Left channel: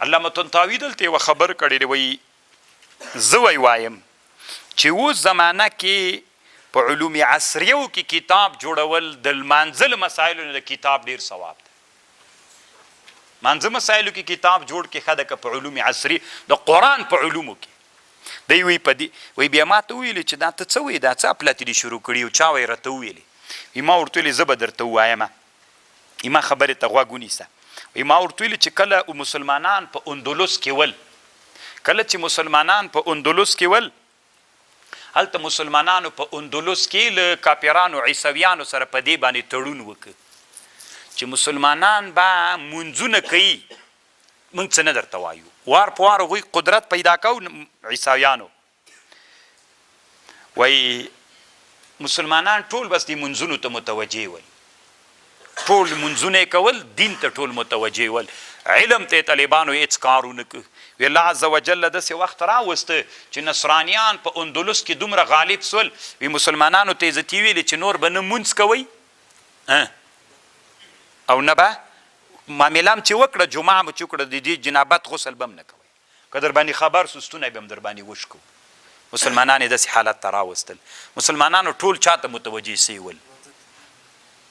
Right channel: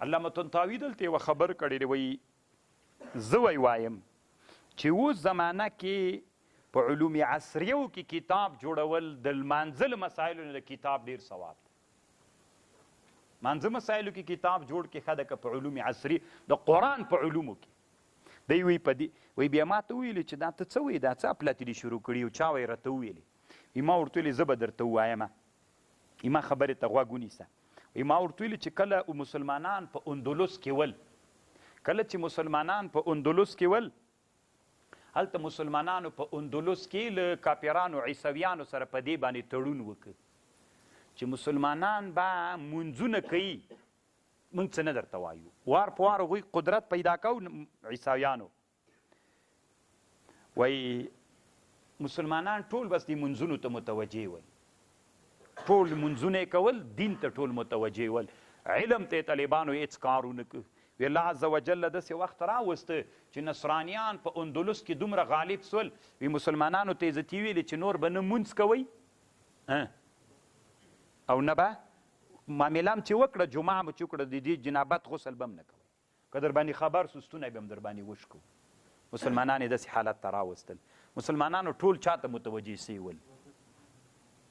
علامه طنطاوي دلته یوه خبر کړی دی، وایي زه وایم چې اوس زمانه کې په علوم عصریو کې کتاب جوړول د لمانځه له مسایلو نه د کتاب ډېر ثواب دی. مانځه مسایلو کې کتاب جوړ کې ښه ده، که په علوم عصري د قرآن په علومو کې دی وایي په دې وایي بیا ما ته وویلې چې دا ته څه وایې، دا څه اپلاتې دې شروع کړي او چا وایي راته وویلې. ما ورته ویلې زه به درته ووایم، ما خبرې ته غوږ ونیسه. ما ورته ویلې چې کله مسلمانان په اندلس کې ول، کله چې مسلمانان په اندلس کې ول، هلته مسلمانانو په اندلس کې له کاپیرانو عیسویانو سره په دې باندې تړون وکړ چې مسلمانان به منځونه کوي، موږ څه نه درته وایو. وار په وار هغوی قدرت پیدا کو عیسویانو، وایي مسلمانان ټول بس دې منځونو ته متوجه ول، ټول منځونه یې کول، دین ته ټول متوجه ول، علم ته طالبانو هېڅ کار ونه کړ. وی الله عز وجل داسې وخت راوسته چې نصرانیان په اندلس کې دومره غالب سول، وی مسلمانانو ته عزتي ویلې چې نور به نه مونځ کوئ او نه به معامله هم چې وکړه، جمعه مو چې وکړه، د دې جنابت غسل به هم نه کوئ، که در باندې خبر سو ستونی به هم در باندې وشکو. مسلمانان یې داسې حالت ته راوستل، مسلمانانو ټول چاته متوجه سوي ول.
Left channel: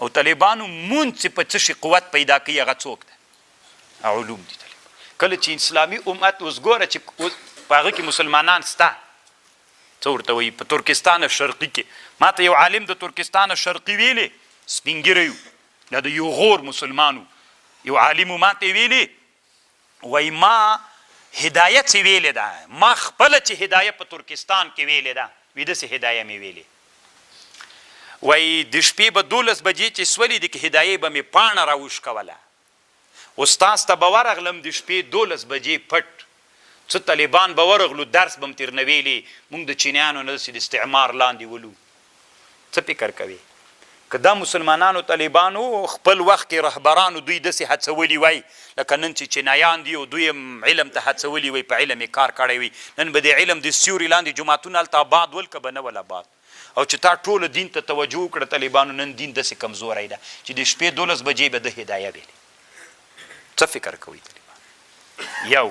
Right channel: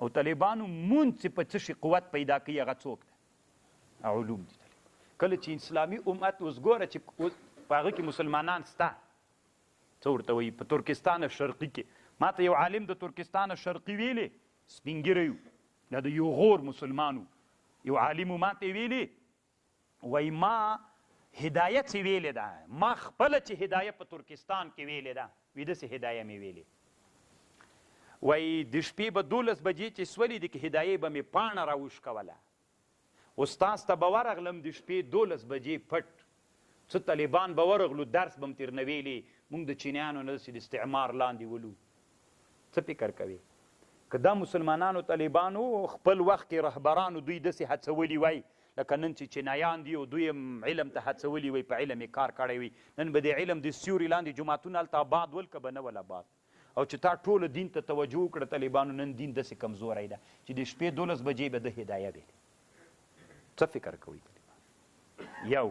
او طالبانو مونځ چې په څه شي قوت پیدا کوي هغه څوک ده؟ علوم دي. کله چې اسلامي امت اوس ګوره چې په هغه کې مسلمانان سته، څه ورته وایي په ترکستان شرقي کې، ما ته یو عالم د ترکستان شرقي ویلې، سپین ږیری و، یا د یو غور مسلمانو یو عالم ما ته ویلې، وایي ما هدایه چې ویلې ده، ما خپله چې هدایه په ترکستان کې ویلې ده، وایي داسې هدایه مې ویلې، وایي د شپې به 12 بجې چې سولې دي، که هدایې به مې پاڼه راوشکوله، استاز ته به ورغلم د شپې 12 بجې پټ، څه طالبان به ورغلو درس به م تېر نه ویلې، موږ د چینیانو نه داسې د استعمار لاندې ولو. څه فکر کوي که دا مسلمانانو طالبانو خپل وخت کې رهبرانو دوی داسې هڅولي وای لکه نن چې چینایان دي او دوی هم علم ته هڅولي وای، په علم یې کار کړی وي، نن به د علم د سیوري لاندې جوماتونه هلته آباد ول که به نه ول آباد، او چې تا ټوله دین ته توجه وکړه طالبانو، نن دین داسې کمزوری ده چې د شپې 12 بجې به د هدایه ویلې. څه فکر کوئ طالبان؟ یو